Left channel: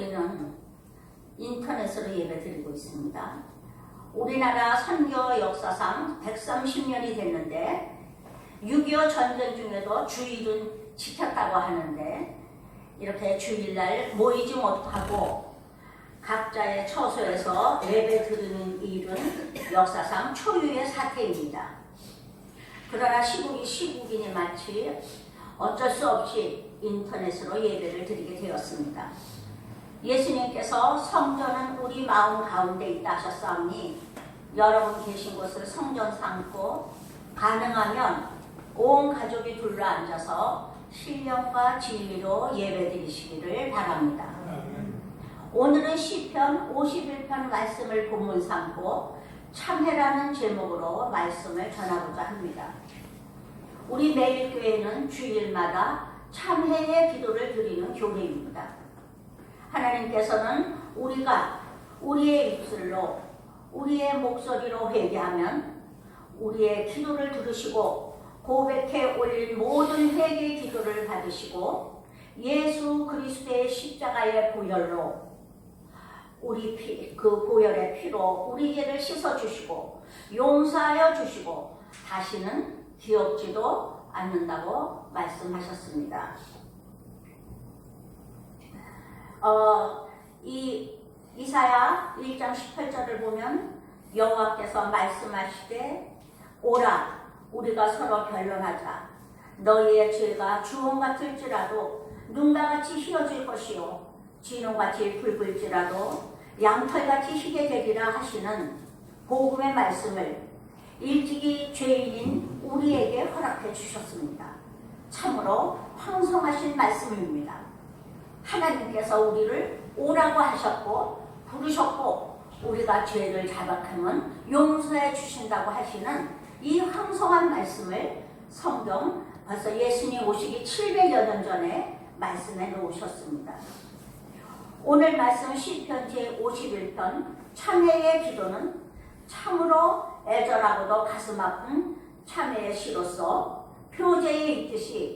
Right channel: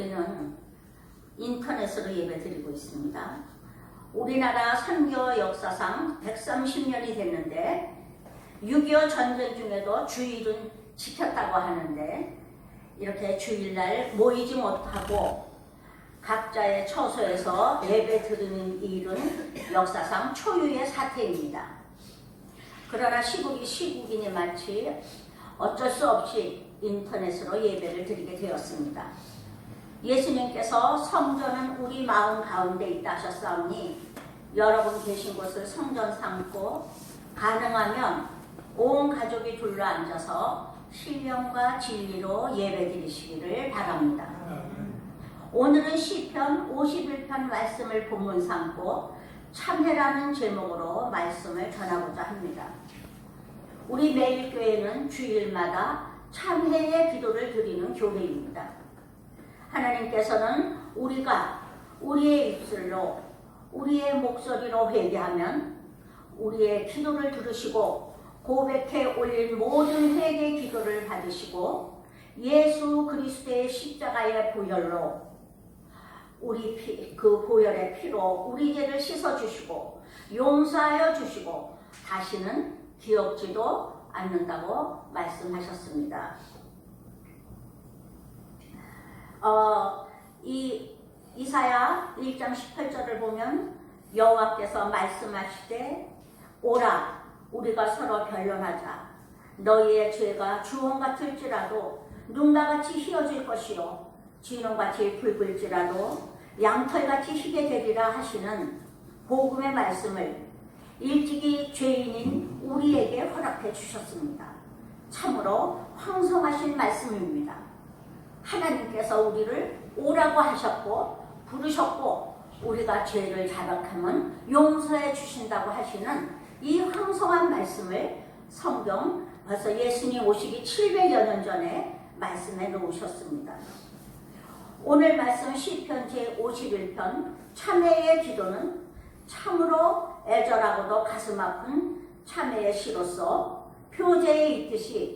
우리는 인터넷으로 예배 드리고 있습니다. 우리나라 선교 역사상 130년이 됐는데 6.25 전쟁 중에도 주일은 지켰다고 하는데 이렇게 주일날 모이지 못하고 각자의 처소에서 예배 드리는 일은 역사상 초유의 사태입니다. 그러나 시국이 시국이니 마치 어쩔 수 없이 인터넷으로 예배를 드리게 되었습니다. 예수님께서 성전은 우리 마음 가운데 있다 하셨사오니 여러분 계신 곳을 성전 삼고 가능하면 온 가족이 둘러앉아서 신령과 진리로 예배드리시기를 바랍니다. 오늘은 시편 51편 말씀을 본문 삼고 참회라는 제목으로 말씀을 전하고자 합니다. 우리 매일 교회는 주일마다 참회의 기도를 드리는 교회입니다. 하나님께서는 우리가 우리의 입술로 우리의 목소리로 회개하면 우리의 기도를 들으시고 고백해 올린 모든 회개 기도를 받으시고 예수 그리스도의 십자가의 보혈로 우리 피, 그 보혈의 피로 우리 죄를 씻어 주시고 용서하여 주시고 다시는 기억지도 않는다고 말씀하셨습니다. 어, 이 이사야 1장 18절을 보면 여호와께서 말씀하시되 오라 우리가 서로 변론하자 너희의 죄가 주홍 같을지라도 눈과 같이 휘어질 것이요 진홍같이 붉을지라도 양털같이 희게 되리라 하시는 복음의 말씀을 일찍이 죄인인 우리에게 허락해 주셨습니다. 참으로 황송하신 말씀입니다. 하나님께서 우리를 오라고 하셨고 부르셨고 우리가 죄를 자백하면 용서해 주신다고 하시는 이 황송한 말씀을 성경 벌써 예수님 오시기 700여 년 전에 말씀해 놓으셨습니다. 오늘 말씀 시편 제51편 참회의 기도는 참으로 애절하고도 가슴 아픈 참회의 시로서 표제에 있듯이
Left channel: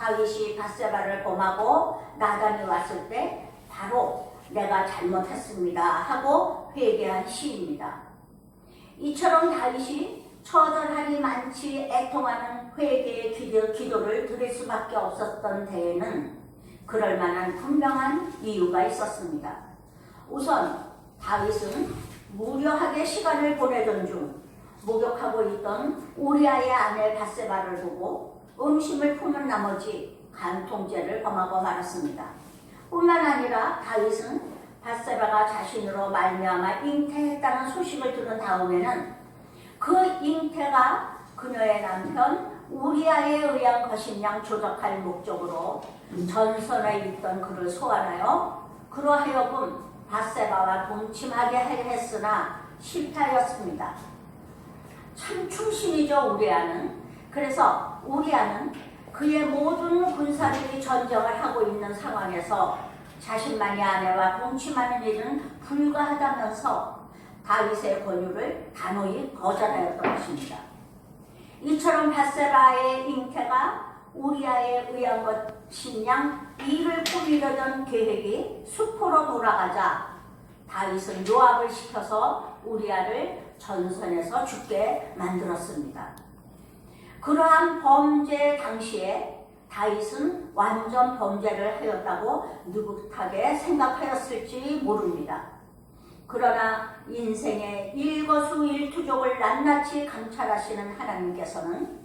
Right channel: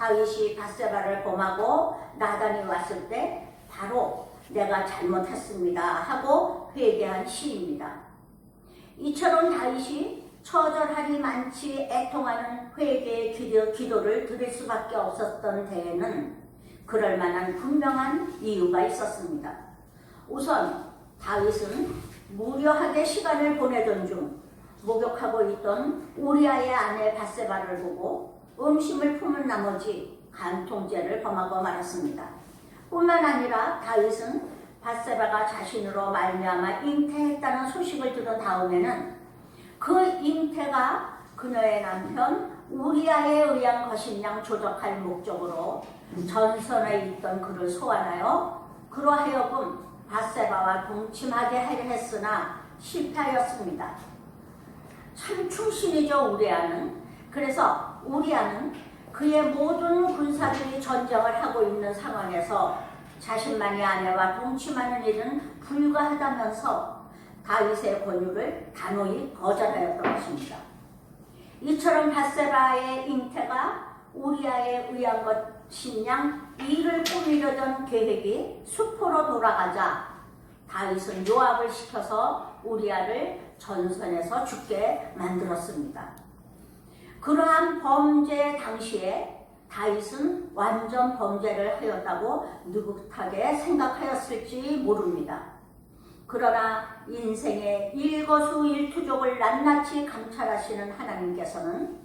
다윗이 바세바를 범하고 나단이 왔을 때 바로 내가 잘못했습니다 하고 회개한 시입니다. 이처럼 다윗이 처절하니 많지 애통하는 회개의 기도, 기도를 드릴 수밖에 없었던 데에는 그럴 만한 분명한 이유가 있었습니다. 우선 다윗은 무료하게 시간을 보내던 중 목욕하고 있던 우리아의 아내 바세바를 보고 음심을 품은 나머지 간통죄를 범하고 말았습니다. 뿐만 아니라 다윗은 바세바가 자신으로 말미암아 잉태했다는 소식을 들은 다음에는 그 잉태가 그녀의 남편 우리아에 의한 것이냐 조작할 목적으로 전선에 있던 그를 소환하여 그러하여금 바세바와 동침하게 했으나 실패하였습니다. 참 충신이죠 우리아는. 그래서 우리아는 그의 모든 군사들이 전쟁을 하고 있는 상황에서 자신만이 아내와 동침하는 일은 불가하다면서 다윗의 권유를 단호히 거절하였던 것입니다. 이처럼 바세바의 잉태가 우리아에 의한 것이냐 이를 꾸미려던 계획이 수포로 돌아가자 다윗은 요압을 시켜서 우리아를 전선에서 죽게 만들었습니다. 그러한 범죄 당시에 다윗은 완전 범죄를 하였다고 느긋하게 생각하였을지 모릅니다. 그러나 인생의 일거수일투족을 낱낱이 감찰하시는 하나님께서는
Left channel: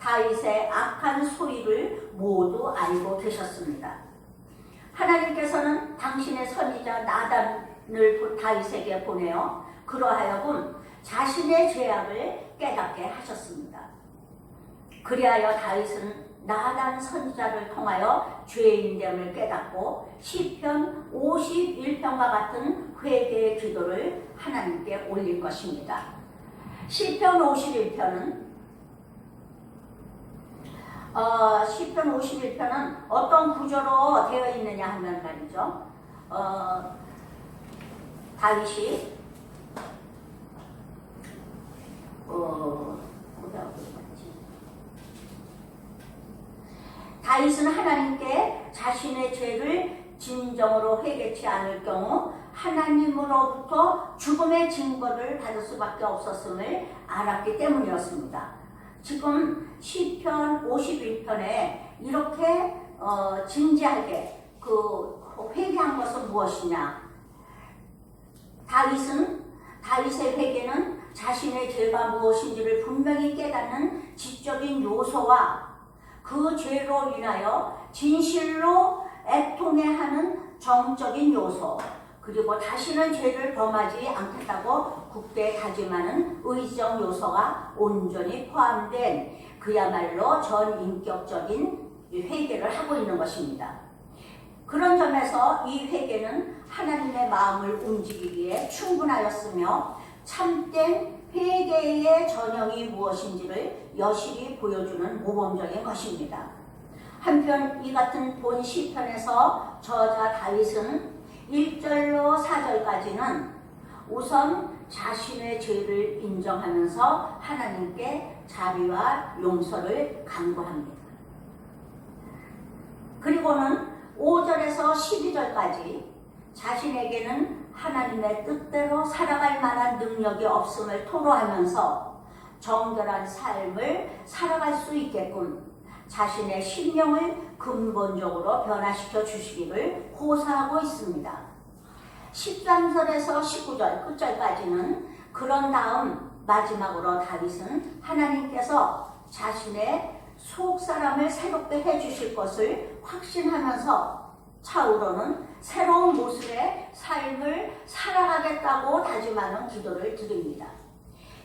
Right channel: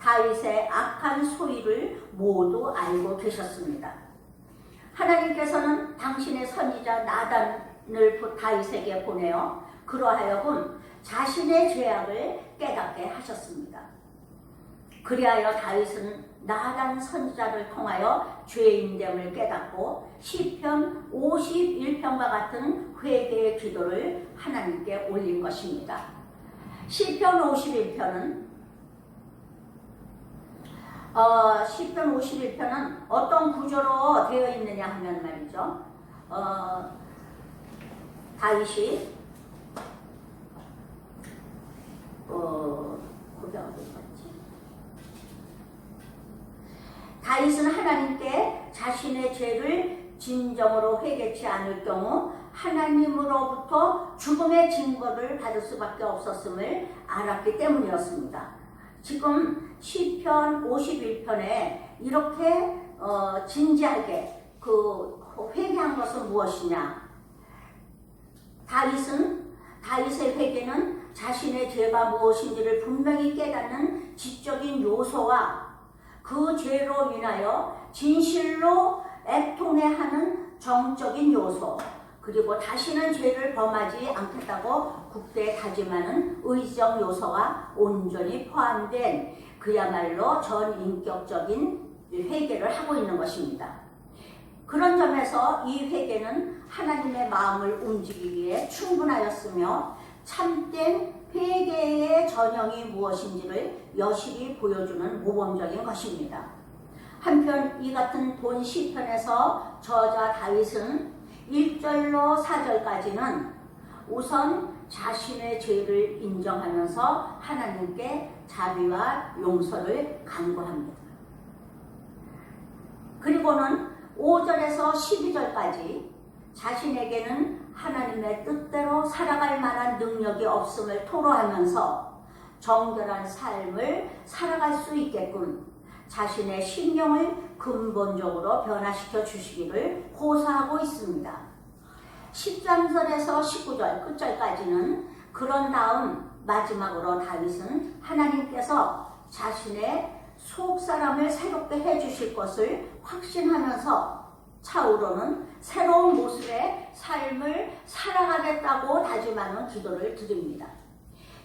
다윗의 악한 소리를 모두 알고 계셨습니다. 하나님께서는 당신의 선지자 나단을 다윗에게 보내어 그러하여금 자신의 죄악을 깨닫게 하셨습니다. 그리하여 다윗은 나단 선지자를 통하여 죄인됨을 깨닫고 시편 51편과 같은 회개의 기도를 하나님께 올린 것입니다. 시편 51편은 어, 시편 51편은 어떤 구조로 되어 있느냐 하면 말이죠. 어, 다윗이 어, 어디 하고 있었지? 다윗은 하나님께 자신의 죄를 진정으로 회개치 않을 경우 하나님으로부터 죽음의 징벌을 받을 수밖에 없었음을 알았기 때문이었습니다. 지금 시편 51편에 이렇게 어, 진지하게 그 회개한 것은 무엇이냐? 다윗은 다윗의 회개는 자신의 죄가 무엇인지를 분명히 깨닫는 지적인 요소와 그 죄로 인하여 진실로 애통해하는 정적인 요소 그리고 다시는 죄를 범하지 않겠다고 국대에 다짐하는 의지적 요소가 온전히 포함된 그야말로 전인격적인 회개를 하고 있는 것입니다. 그런 점에서 이 회개는 하나님의 마음을 움직이기에 충분하였으며 참된 회개의 전형이 무엇인지를 여실히 보여주는 모범적인 것입니다. 한편 이 같은 본 시편에서 저자 다윗은 1절로 4절까지는 우선 자신의 죄를 인정하면서 하나님께 자비와 용서를 간구합니다. 그리고는 5절에서 12절까지 자신에게는 하나님의 뜻대로 살아갈 만한 능력이 없음을 토로하면서 정결한 삶을 살아갈 수 있게끔 자신의 심령을 근본적으로 변화시켜 주시기를 호소하고 있습니다. 13절에서 19절 끝절까지는 그런 다음 마지막으로 다윗은 하나님께서 자신의 속 사람을 새롭게 해 주실 것을 확신하면서 차후로는 새로운 모습의 삶을 살아가겠다고 다짐하는 기도를 드립니다.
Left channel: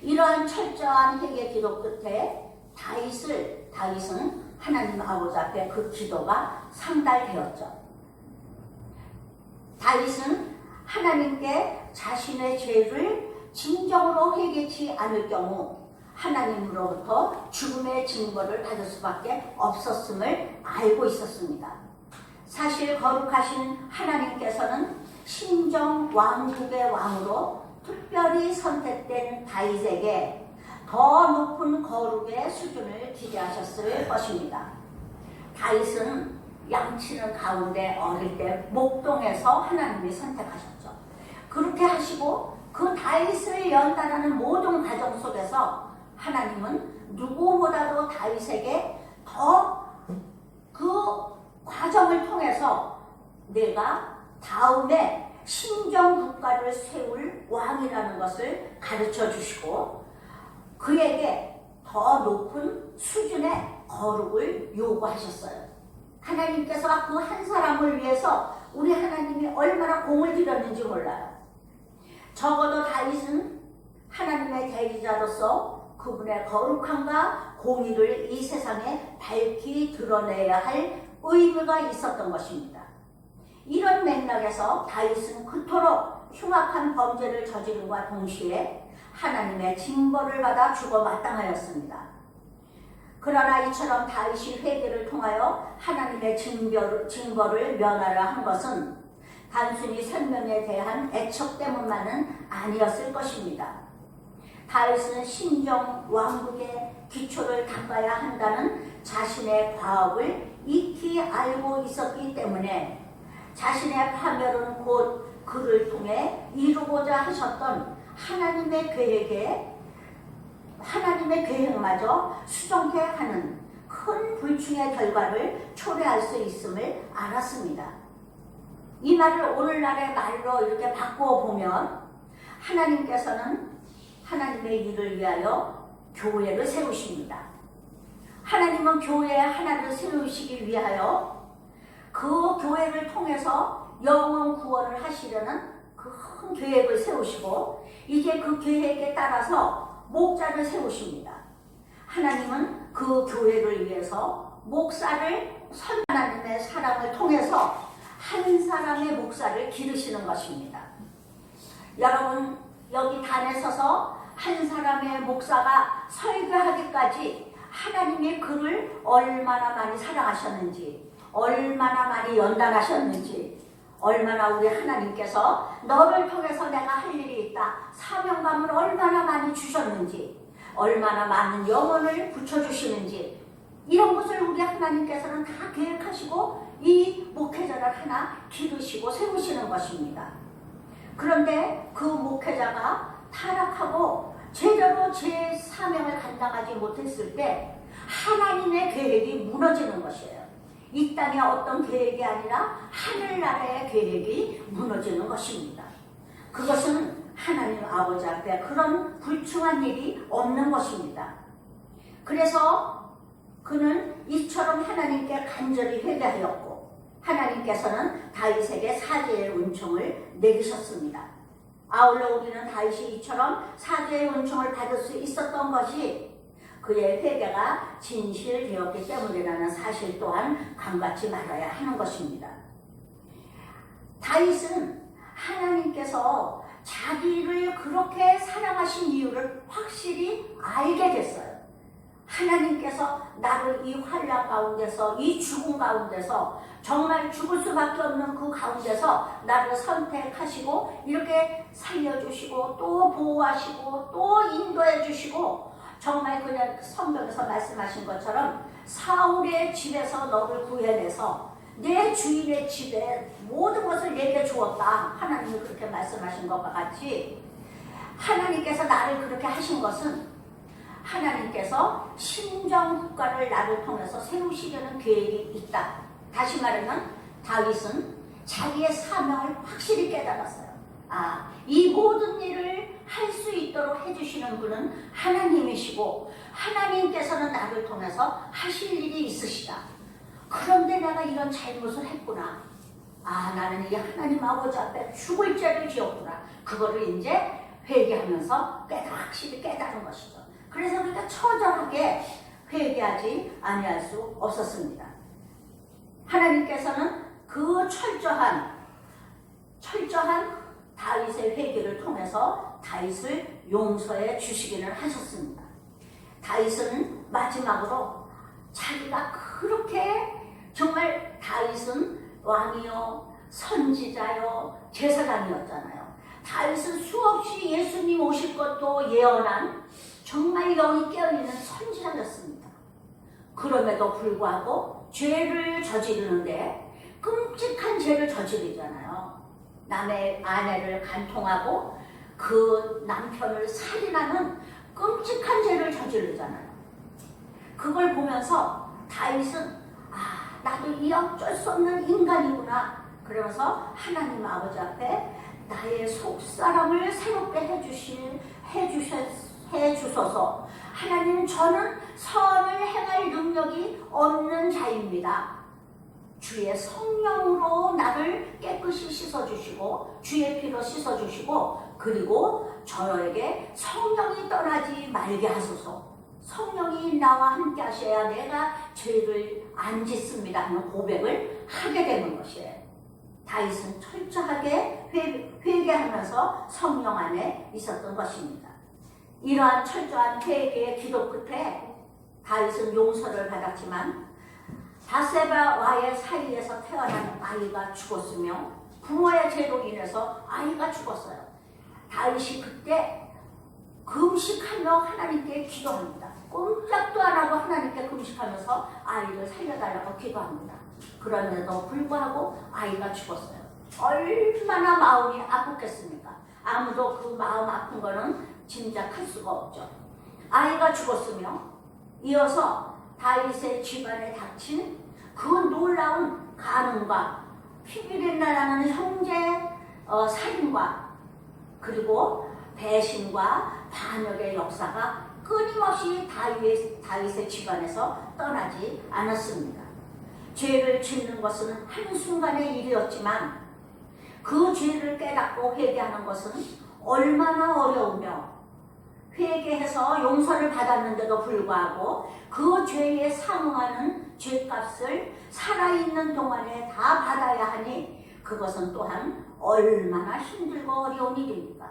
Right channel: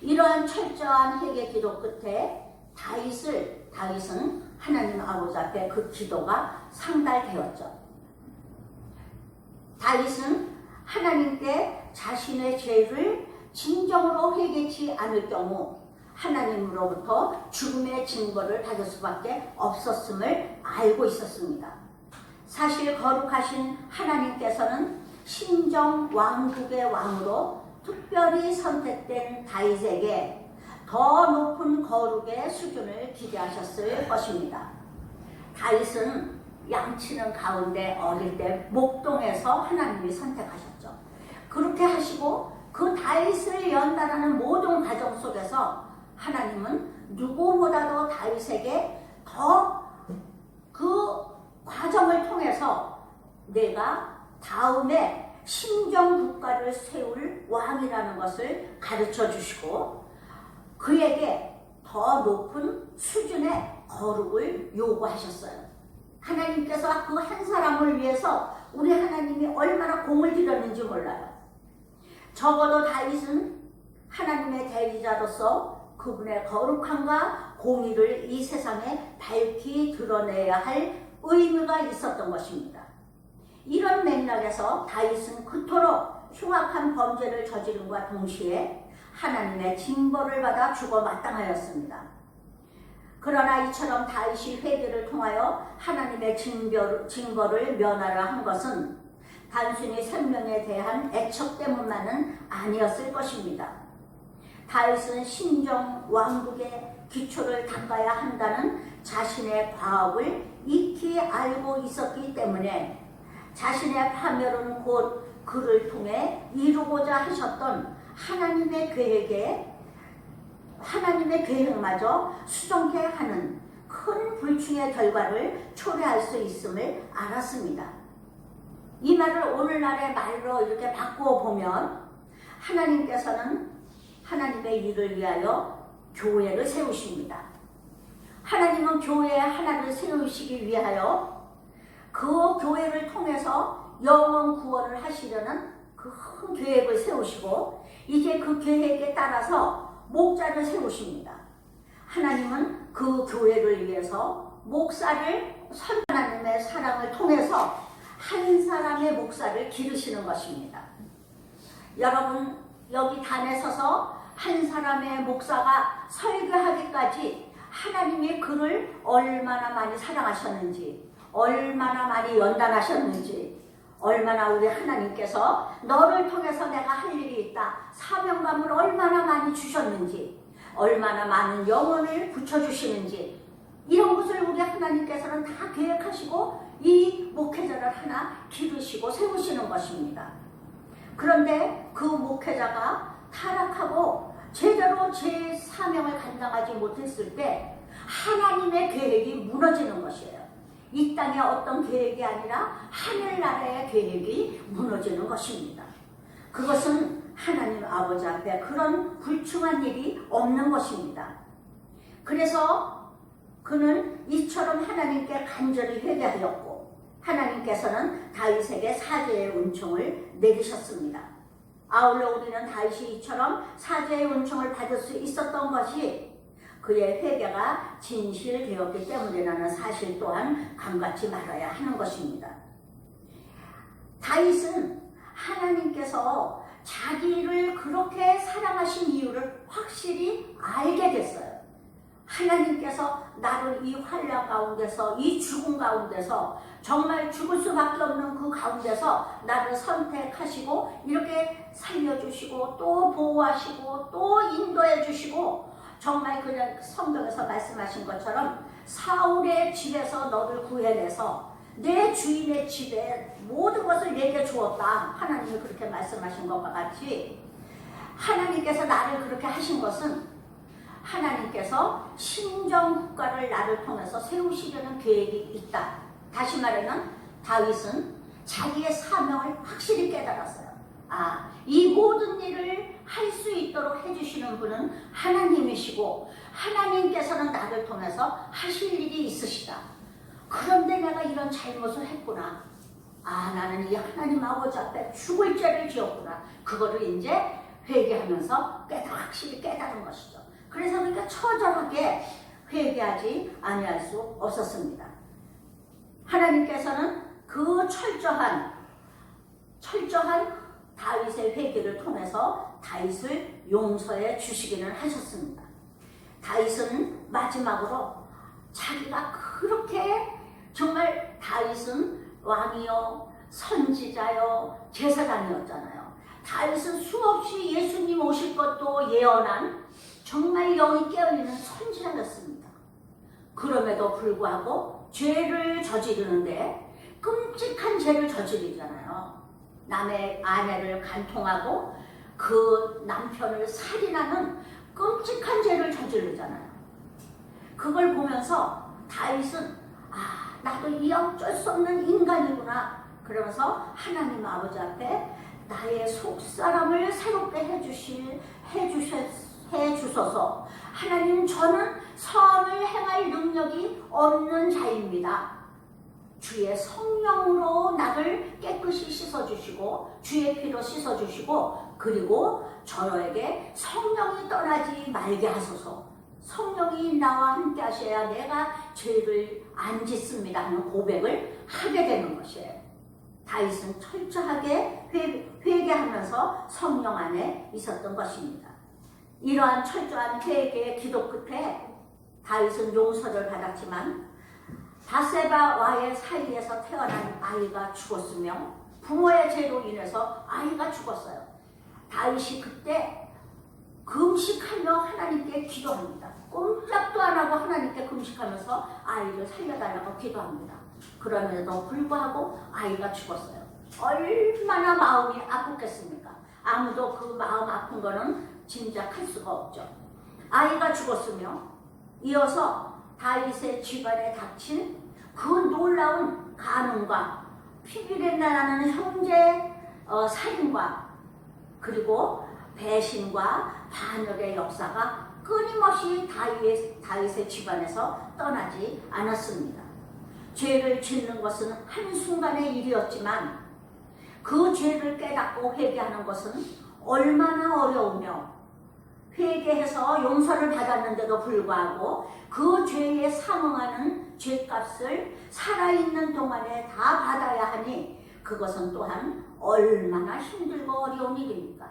이러한 철저한 회개 기도 끝에 다윗을 다윗은 하나님 아버지 앞에 그 기도가 상달되었죠. 다윗은 하나님께 자신의 죄를 진정으로 회개치 않을 경우 하나님으로부터 죽음의 징벌을 받을 수밖에 없었음을 알고 있었습니다. 사실 거룩하신 하나님께서는 신정 왕국의 왕으로 특별히 선택된 다윗에게 더 높은 거룩의 수준을 기대하셨을 것입니다. 다윗은 양치는 가운데 어릴 때 목동에서 하나님이 선택하셨죠. 그렇게 하시고 그 다윗을 연단하는 모든 과정 속에서 하나님은 누구보다도 다윗에게 더그 과정을 통해서 내가 다음에 신정 국가를 세울 왕이라는 것을 가르쳐 주시고 그에게 더 높은 수준의 거룩을 요구하셨어요. 하나님께서 그 한 사람을 위해서 우리 하나님이 얼마나 공을 들였는지 몰라요. 적어도 다윗은 하나님의 대리자로서 그분의 거룩함과 공의를 이 세상에 밝히 드러내야 할 의무가 있었던 것입니다. 이런 맥락에서 다윗은 그토록 흉악한 범죄를 저지른과 동시에 하나님의 징벌을 받아 죽어 마땅하였습니다. 그러나 이처럼 다윗이 회개를 통하여 하나님의 징벌, 징벌을 면하려 한 것은 단순히 생명에 대한 애착 때문만은 아니었을 것입니다. 다윗은 신정 왕국의 기초를 닦아야 한다는 자신의 과업을 익히 알고 있었기 때문에 자신의 파멸은 곧 그를 통해 이루고자 하셨던 하나님의 계획에 하나님의 계획마저 수정케 하는 큰 불충의 결과를 초래할 수 있음을 알았습니다. 이 말을 오늘날의 말로 이렇게 바꾸어 보면 하나님께서는 하나님의 일을 위하여 교회를 세우십니다. 하나님은 교회 하나를 세우시기 위하여 그 교회를 통해서 영원 구원을 하시려는 그 큰 계획을 세우시고 이제 그 계획에 따라서 목자를 세우십니다. 하나님은 그 교회를 위해서 목사를 선 하나님의 사랑을 통해서 한 사람의 목사를 기르시는 것입니다. 여러분 여기 단에 서서 한 사람의 목사가 설교하기까지 하나님의 그를 얼마나 많이 사랑하셨는지 얼마나 많이 연단하셨는지 얼마나 우리 하나님께서 너를 통해서 내가 할 일이 있다 사명감을 얼마나 많이 주셨는지 얼마나 많은 영혼을 붙여주시는지 이런 것을 우리 하나님께서는 다 계획하시고 이 목회자를 하나 기르시고 세우시는 것입니다. 그런데 그 목회자가 타락하고 제대로 제 사명을 감당하지 못했을 때 하나님의 계획이 무너지는 것이에요. 이 땅의 어떤 계획이 아니라 하늘나라의 계획이 무너지는 것입니다. 그것은 하나님 아버지 앞에 그런 불충한 일이 없는 것입니다. 그래서 그는 이처럼 하나님께 간절히 회개하였고 하나님께서는 다윗에게 사죄의 은총을 내리셨습니다. 아울러 우리는 다윗이 이처럼 사죄의 은총을 받을 수 있었던 것이 그의 회개가 진실되었기 때문이라는 사실 또한 감같이 말아야 하는 것입니다. 다윗은 하나님께서 자기를 그렇게 사랑하신 이유를 확실히 알게 됐어요. 하나님께서 나를 이 환란 가운데서 이 죽음 가운데서 정말 죽을 수밖에 없는 그 가운데서 나를 선택하시고 이렇게 살려주시고 또 보호하시고 또 인도해 주시고 정말 그냥 성경에서 말씀하신 것처럼 사울의 집에서 너를 구해내서 내 주인의 집에 모든 것을 내게 주었다. 하나님이 그렇게 말씀하신 것과 같이 하나님께서 나를 그렇게 하신 것은 하나님께서 신정 국가를 나를 통해서 세우시려는 계획이 있다. 다시 말하면 다윗은 자기의 사명을 확실히 깨달았어요. 아, 이 모든 일을 할 수 있도록 해주시는 분은 하나님이시고 하나님께서는 나를 통해서 하실 일이 있으시다. 그런데 내가 이런 잘못을 했구나. 아, 나는 이 하나님 아버지 앞에 죽을 죄를 지었구나. 그거를 이제 회개하면서 깨달, 확실히 깨달은 것이죠. 그래서 우리가 처절하게 회개하지 아니할 수 없었습니다. 하나님께서는 그 철저한 철저한 다윗의 회개를 통해서 다윗을 용서해 주시기는 하셨습니다. 다윗은 마지막으로 자기가 그렇게 정말 다윗은 왕이요 선지자요 제사장이었잖아요. 다윗은 수없이 예수님 오실 것도 예언한 정말 영이 깨어있는 선지자였습니다. 그럼에도 불구하고 죄를 저지르는데 끔찍한 죄를 저지르잖아요. 남의 아내를 간통하고 그 남편을 살인하는 끔찍한 죄를 저지르잖아요. 그걸 보면서 다윗은 아 나도 이 어쩔 수 없는 인간이구나 그러면서 하나님 아버지 앞에 나의 속사람을 새롭게 해주실 해주셨 해 주소서 하나님 저는 선을 행할 능력이 없는 자입니다. 주의 성령으로 나를 깨끗이 씻어주시고 주의 피로 씻어주시고 그리고 저에게 성령이 떠나지 말게 하소서 성령이 나와 함께 하셔야 내가 죄를 안 짓습니다 하는 고백을 하게 되는 것이에요. 다윗은 철저하게 회, 회개하면서 성령 안에 있었던 것입니다. 이러한 철저한 회개의 기도 끝에 다윗은 용서를 받았지만 바세바와의 사이에서 태어난 아이가 죽었으며 부모의 죄로 인해서 아이가 죽었어요. 다윗이 그때 금식하며 하나님께 기도합니다. 꼼짝도 안 하고 하나님께 금식하면서 아이를 살려달라고 기도합니다. 그럼에도 불구하고 아이가 죽었어요. 얼마나 마음이 아팠겠습니까? 아무도 그 마음 아픈 거는 짐작할 수가 없죠. 아이가 죽었으며 이어서 다윗의 집안에 닥친 그 놀라운 가늠과 피비린나라는 형제 어, 살인과 그리고 배신과 반역의 역사가 끊임없이 다윗, 다윗의 집안에서 떠나지 않았습니다. 죄를 짓는 것은 한순간의 일이었지만 그 죄를 깨닫고 회개하는 것은 얼마나 어려우며 회개해서 용서를 받았는데도 불구하고 그 죄에 상응하는 죄값을 살아있는 동안에 다 받아야 하니 그것은 또한 얼마나 힘들고 어려운 일입니까?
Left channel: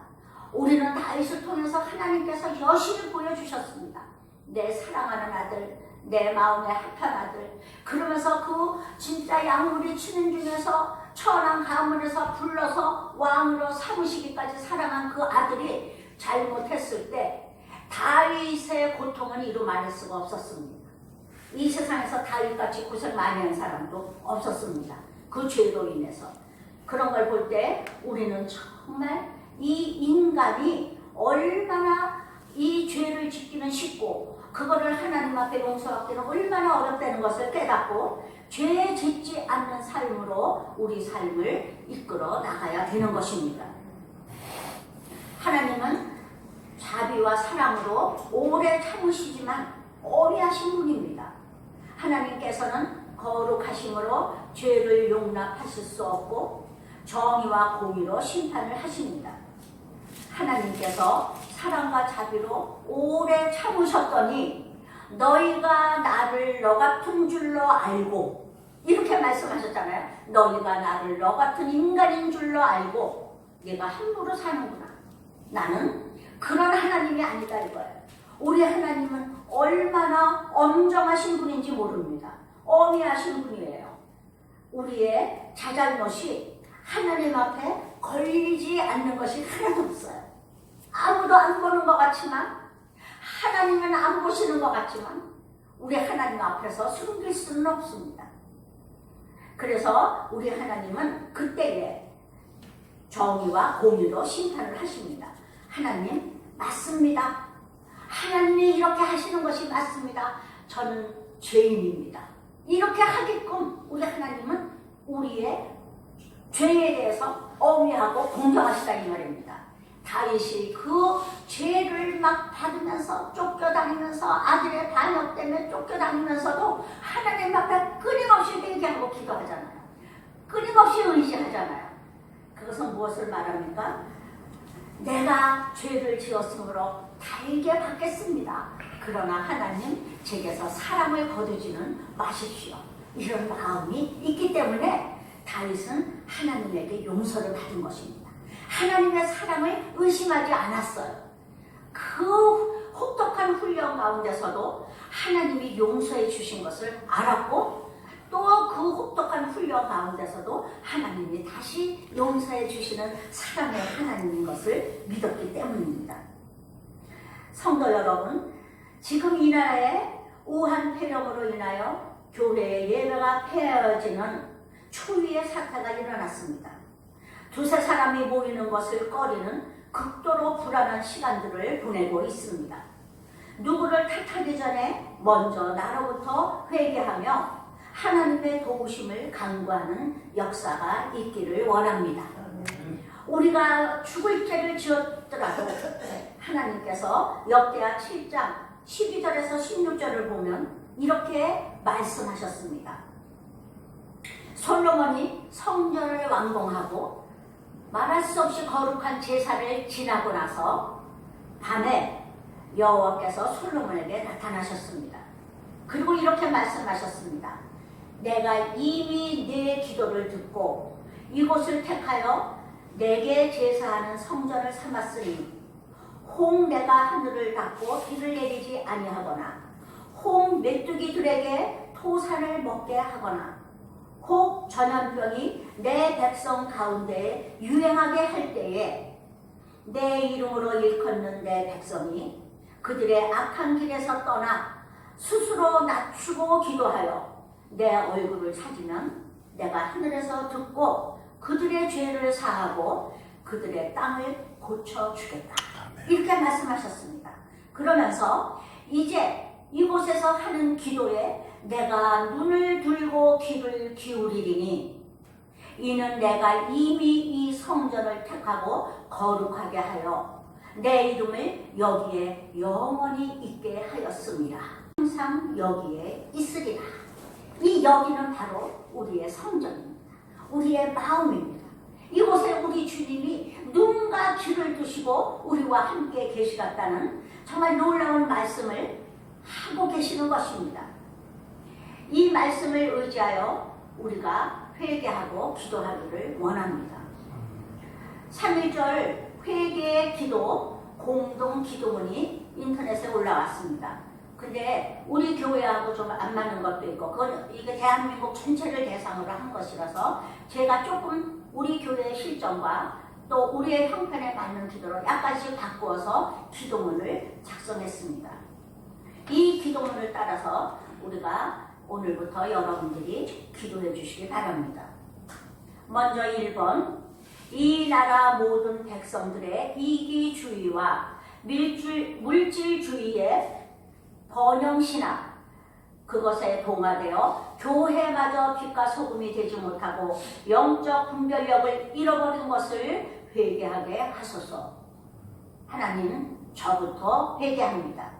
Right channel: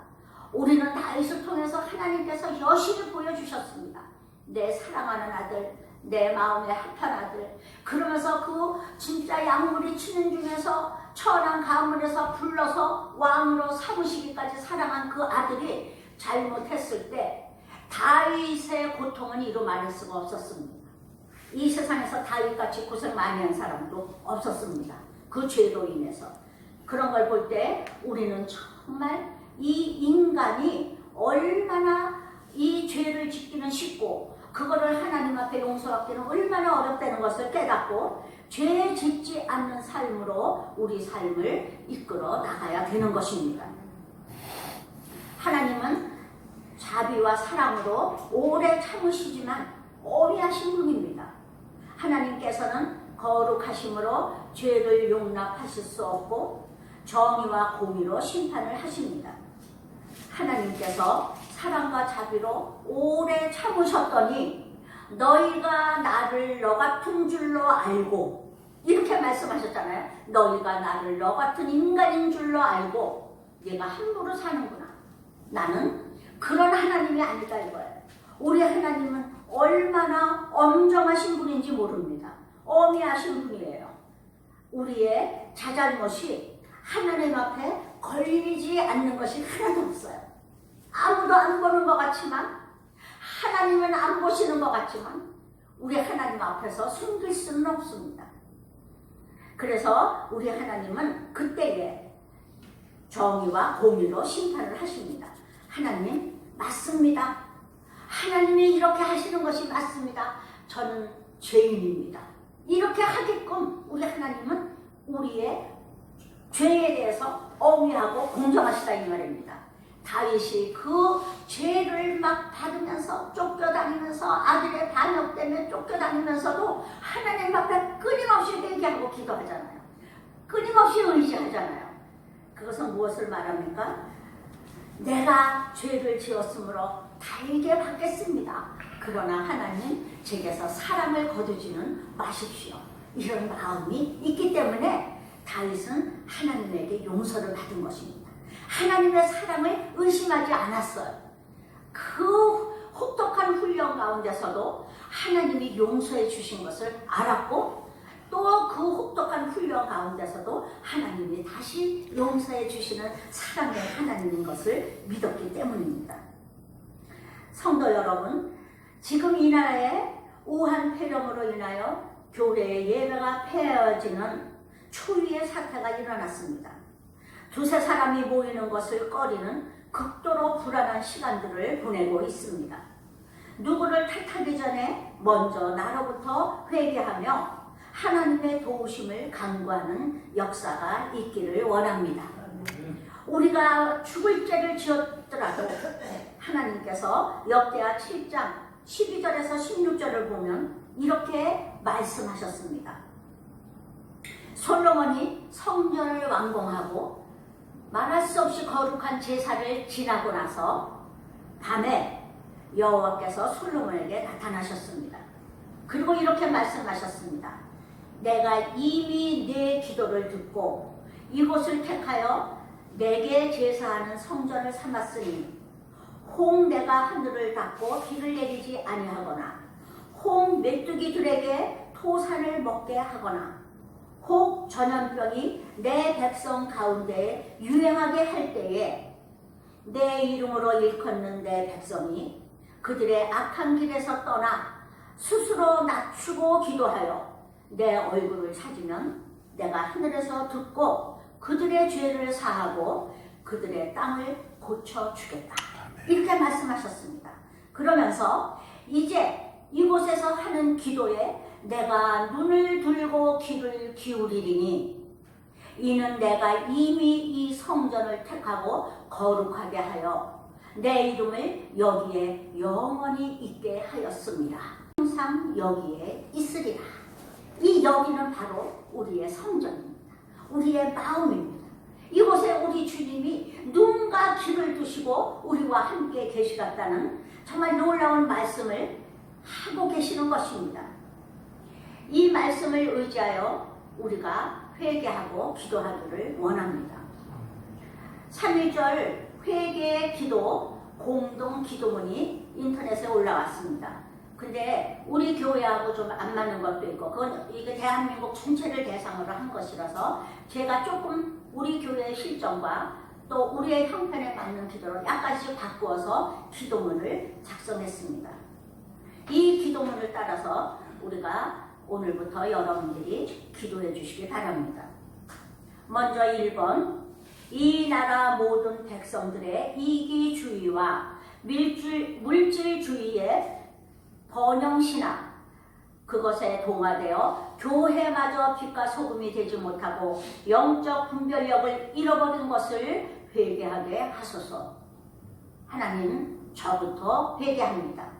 우리는 다윗을 통해서 하나님께서 여신을 보여주셨습니다. 내 사랑하는 아들, 내 마음에 합한 아들. 그러면서 그 진짜 양무리 치는 중에서 천한 가문에서 불러서 왕으로 삼으시기까지 사랑한 그 아들이 잘못했을 때 다윗의 고통은 이루 말할 수가 없었습니다. 이 세상에서 다윗같이 고생 많이 한 사람도 없었습니다. 그 죄로 인해서. 그런 걸 볼 때 우리는 정말 이 인간이 얼마나 이 죄를 짓기는 쉽고 그거를 하나님 앞에 용서하기는 얼마나 어렵다는 것을 깨닫고 죄 짓지 않는 삶으로 우리 삶을 이끌어 나가야 되는 것입니다. 하나님은 자비와 사랑으로 오래 참으시지만 어리하신 분입니다. 하나님께서는 거룩하심으로 죄를 용납하실 수 없고 정의와 공의로 심판을 하십니다. 하나님께서 사랑과 자비로 오래 참으셨더니 너희가 나를 너 같은 줄로 알고 이렇게 말씀하셨잖아요. 너희가 나를 너 같은 인간인 줄로 알고 얘가 함부로 사는구나. 나는 그런 하나님이 아니다 이거예요. 우리 하나님은 얼마나 엄정하신 분인지 모릅니다. 어미하신 분이에요. 우리의 자잘못이 하나님 앞에 걸리지 않는 것이 하나도 없어요. 아무도 안 보는 것 같지만 하나님은 안 보시는 것 같지만 우리 하나님 앞에서 숨길 수는 없습니다. 그래서 우리 하나님은 그때에 정의와 공의로 심판을 하십니다. 하나님 맞습니다. 하나님이 이렇게 하시는 것이 맞습니다. 저는 죄인입니다. 이렇게 하게끔 우리 하나님은 우리의 죄에 대해서 어미하고 공정하시다 이 말입니다. 다윗이 그 죄를 막 받으면서 쫓겨다니면서 아들의 반역 때문에 쫓겨다니면서도 하나님 앞에 끊임없이 회개하고 기도하잖아요. 끊임없이 의지하잖아요. 그것은 무엇을 말합니까? 내가 죄를 지었으므로 달게 받겠습니다. 그러나 하나님 제게서 사랑을 거두지는 마십시오. 이런 마음이 있기 때문에 다윗은 하나님에게 용서를 받은 것입니다. 하나님의 사랑을 의심하지 않았어요. 그 혹독한 훈련 가운데서도 하나님이 용서해 주신 것을 알았고 또 그 혹독한 훈련 가운데서도 하나님이 다시 용서해 주시는 사랑의 하나님인 것을 믿었기 때문입니다. 성도 여러분, 지금 이 나라에 우한 폐렴으로 인하여 교회의 예배가 폐해지는 초유의 사태가 일어났습니다. 두세 사람이 모이는 것을 꺼리는 극도로 불안한 시간들을 보내고 있습니다. 누구를 탓하기 전에 먼저 나로부터 회개하며 하나님의 도우심을 간구하는 역사가 있기를 원합니다. 우리가 죽을 죄를 지었더라도 하나님께서 역대하 7장 12절에서 16절을 보면 이렇게 말씀하셨습니다. 솔로몬이 성전을 완공하고 말할 수 없이 거룩한 제사를 지나고 나서 밤에 여호와께서 솔로몬에게 나타나셨습니다. 그리고 이렇게 말씀하셨습니다. 내가 이미 내 기도를 듣고 이곳을 택하여 내게 제사하는 성전을 삼았으니 홍 내가 하늘을 닫고 비를 내리지 아니하거나 홍 메뚜기들에게 토산을 먹게 하거나 혹 전염병이 내 백성 가운데 유행하게 할 때에 내 이름으로 일컫는 내 백성이 그들의 악한 길에서 떠나 스스로 낮추고 기도하여 내 얼굴을 찾으면 내가 하늘에서 듣고 그들의 죄를 사하고 그들의 땅을 고쳐 주겠다. 이렇게 말씀하셨습니다. 그러면서 이제 이곳에서 하는 기도에 내가 눈을 들고 귀를 기울이리니 이는 내가 이미 이 성전을 택하고 거룩하게 하여 내 이름을 여기에 영원히 있게 하였습니다. 항상 여기에 있으리라. 이 여기는 바로 우리의 성전입니다. 우리의 마음입니다. 이곳에 우리 주님이 눈과 귀를 두시고 우리와 함께 계시겠다는 정말 놀라운 말씀을 하고 계시는 것입니다. 이 말씀을 의지하여 우리가 회개하고 기도하기를 원합니다. 3.1절 회개의 기도 공동 기도문이 인터넷에 올라왔습니다. 근데 우리 교회하고 좀 안 맞는 것도 있고 그건 이게 대한민국 전체를 대상으로 한 것이라서 제가 조금 우리 교회의 실정과 또 우리의 형편에 맞는 기도로 약간씩 바꾸어서 기도문을 작성했습니다. 이 기도문을 따라서 우리가 오늘부터 여러분들이 기도해 주시기 바랍니다. 먼저 1번 이 나라 모든 백성들의 이기주의와 밀줄, 물질주의의 번영신화 그것에 동화되어 교회마저 빛과 소금이 되지 못하고 영적 분별력을 잃어버린 것을 회개하게 하소서. 하나님 저부터 회개합니다.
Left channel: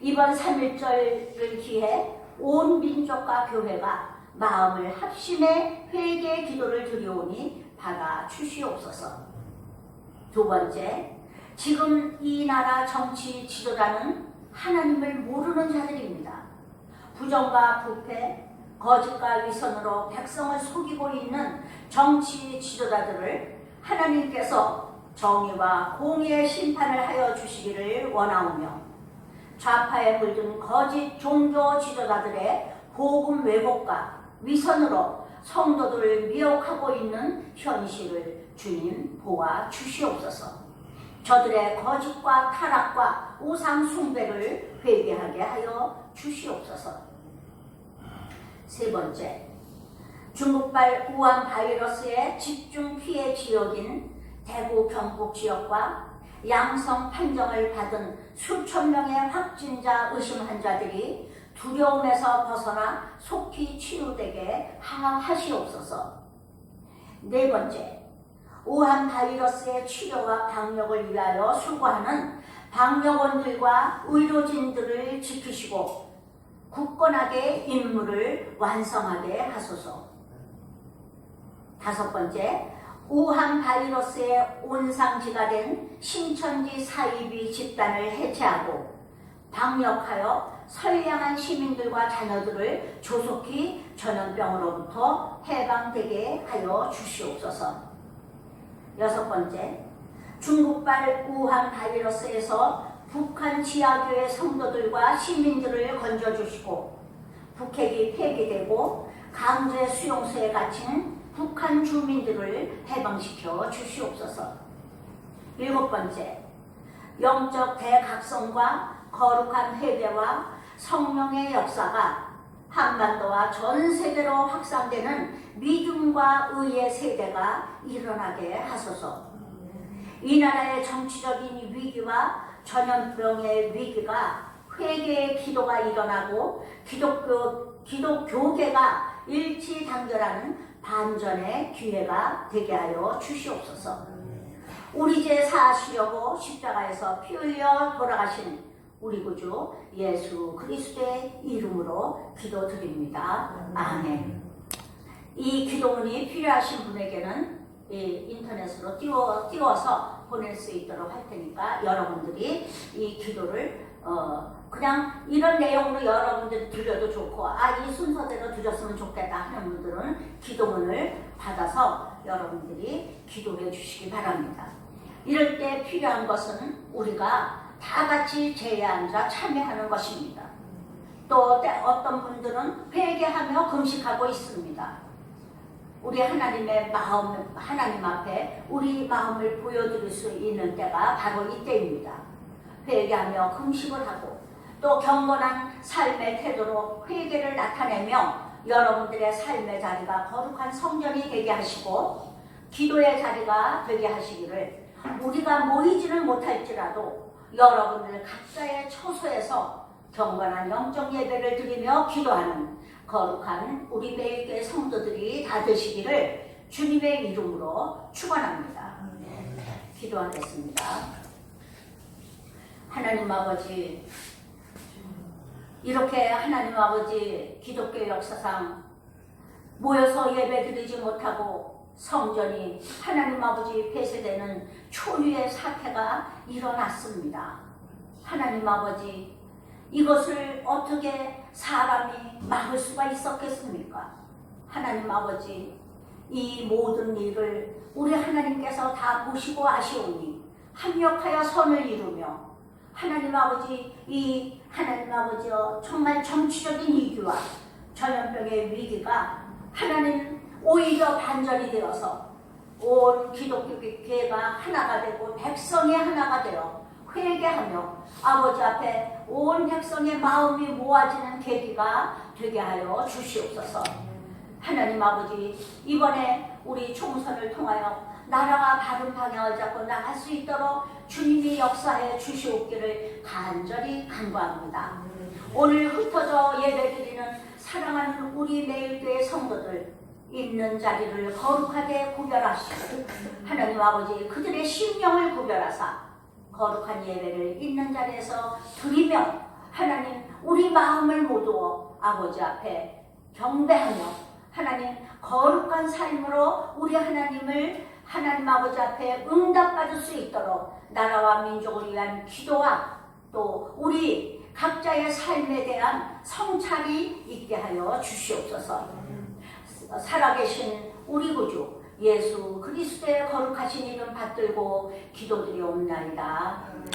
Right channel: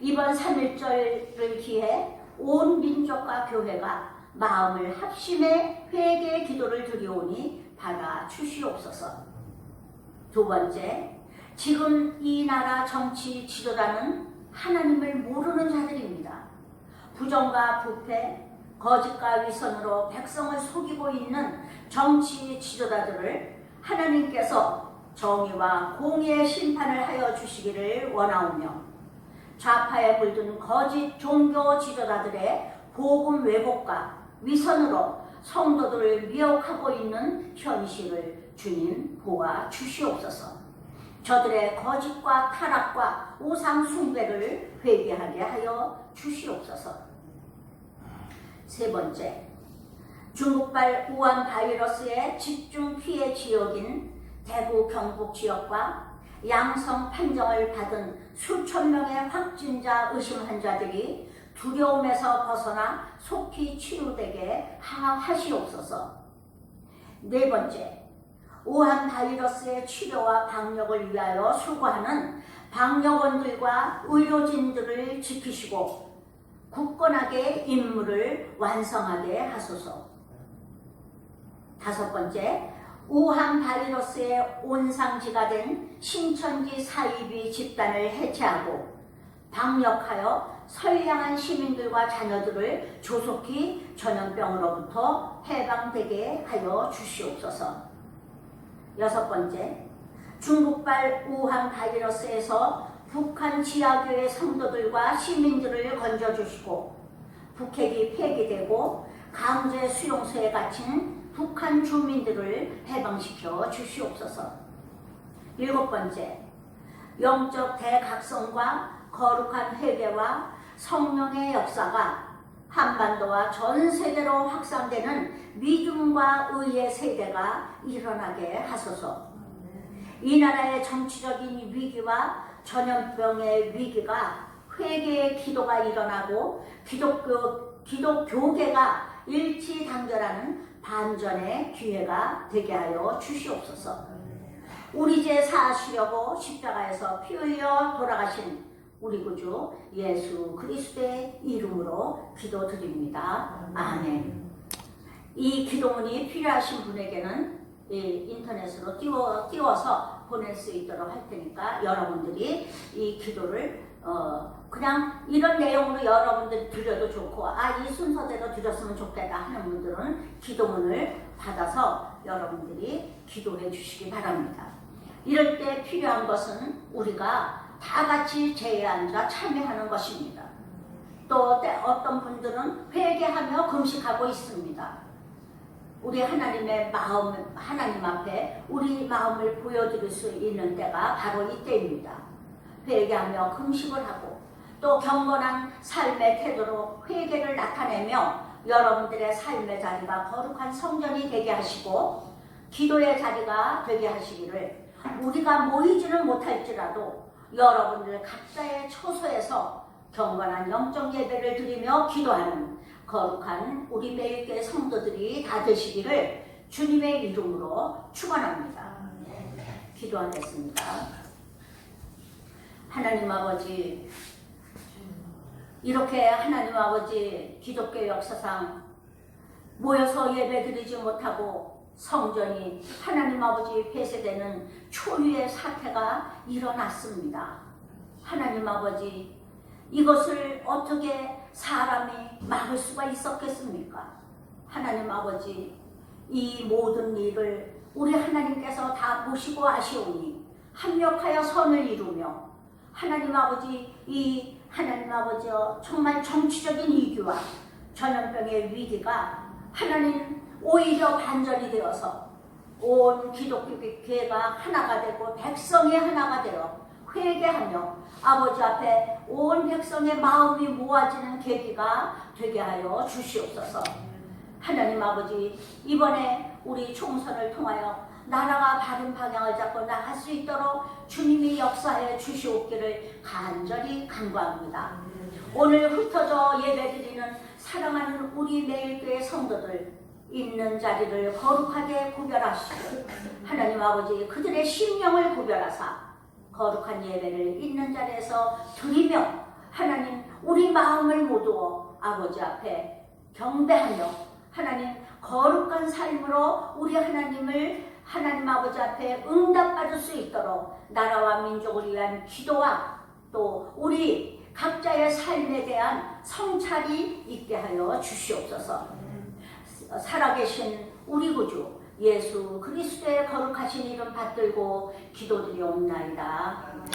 이번 3일절을 기해 온 민족과 교회가 마음을 합심해 회개 기도를 드리오니 받아 주시옵소서. 두 번째, 지금 이 나라 정치 지도자는 하나님을 모르는 자들입니다. 부정과 부패, 거짓과 위선으로 백성을 속이고 있는 정치 지도자들을 하나님께서 정의와 공의의 심판을 하여 주시기를 원하오며 좌파에 물든 거짓 종교 지도자들의 복음 왜곡과 위선으로 성도들을 미혹하고 있는 현실을 주님 보아 주시옵소서. 저들의 거짓과 타락과 우상 숭배를 회개하게 하여 주시옵소서. 세 번째, 중국발 우한 바이러스의 집중 피해 지역인 대구 경북 지역과 양성 판정을 받은 수천 명의 확진자 의심 환자들이 두려움에서 벗어나 속히 치유되게 하시옵소서. 네 번째, 우한 바이러스의 치료와 방역을 위하여 수고하는 방역원들과 의료진들을 지키시고 굳건하게 임무를 완성하게 하소서. 다섯 번째, 우한 바이러스의 온상지가 된 신천지 사이비 집단을 해체하고 방역하여 선량한 시민들과 자녀들을 조속히 전염병으로부터 해방되게 하여 주시옵소서. 여섯 번째, 중국발 우한 바이러스에서 북한 지하교회 성도들과 시민들을 건져주시고 북핵이 폐기되고 강제 수용소에 갇힌 북한 주민들을 해방시켜 주시옵소서. 일곱 번째, 영적 대각성과 거룩한 회개와 성령의 역사가 한반도와 전 세계로 확산되는 믿음과 의의 세대가 일어나게 하소서. 이 나라의 정치적인 위기와 전염병의 위기가 회개의 기도가 일어나고 기독교 기독교계가 일치 단결하는 반전의 기회가 되게 하여 주시옵소서. 우리 죄 사하시려고 십자가에서 피 흘려 돌아가신 우리 구주 예수 그리스도의 이름으로 기도드립니다. 아멘. 이 기도문이 필요하신 분에게는 이 인터넷으로 띄워, 띄워서 보낼 수 있도록 할 테니까 여러분들이 이 기도를 어, 그냥 이런 내용으로 여러분들이 드려도 좋고 아 이 순서대로 드렸으면 좋겠다 하는 분들은 기도문을 받아서 여러분들이 기도해 주시기 바랍니다. 이럴 때 필요한 것은 우리가 다 같이 제에 앉아 참여하는 것입니다. 또 어떤 분들은 회개하며 금식하고 있습니다. 우리 하나님의 마음, 하나님 앞에 우리 마음을 보여드릴 수 있는 때가 바로 이때입니다. 회개하며 금식을 하고 또 경건한 삶의 태도로 회개를 나타내며 여러분들의 삶의 자리가 거룩한 성전이 되게 하시고 기도의 자리가 되게 하시기를 우리가 모이지는 못할지라도 여러분들 각자의 처소에서 경건한 영적 예배를 드리며 기도하는 거룩한 우리 매일교회 성도들이 다 되시기를 주님의 이름으로 축원합니다. 기도하겠습니다. 하나님 아버지 이렇게 하나님 아버지 기독교 역사상 모여서 예배드리지 못하고 성전이 하나님 아버지 폐쇄되는 초유의 사태가 일어났습니다. 하나님 아버지 이것을 어떻게 사람이 막을 수가 있었겠습니까? 하나님 아버지 이 모든 일을 우리 하나님께서 다 보시고 아시오니 합력하여 선을 이루며 하나님 아버지 이 하나님 아버지여 정말 정치적인 위기와 전염병의 위기가 하나님 오히려 반전이 되어서 온 기독교계가 하나가 되고 백성이 하나가 되어 회개하며 아버지 앞에 온 백성의 마음이 모아지는 계기가 되게 하여 주시옵소서. 하나님 아버지 이번에 우리 총선을 통하여 나라가 바른 방향을 잡고 나갈 수 있도록 주님이 역사해 주시옵기를 간절히 간구합니다. 오늘 흩어져 예배드리는 사랑하는 우리 매일교회 성도들 있는 자리를 거룩하게 구별하시고 하나님 아버지 그들의 심령을 구별하사 거룩한 예배를 있는 자리에서 드리며 하나님 우리 마음을 모두어 아버지 앞에 경배하며 하나님 거룩한 삶으로 우리 하나님을 하나님 아버지 앞에 응답받을 수 있도록 나라와 민족을 위한 기도와 또 우리 각자의 삶에 대한 성찰이 있게 하여 주시옵소서. 살아계신 우리 구주 예수 그리스도의 거룩하신 이름 받들고 기도드리옵나이다. 아멘.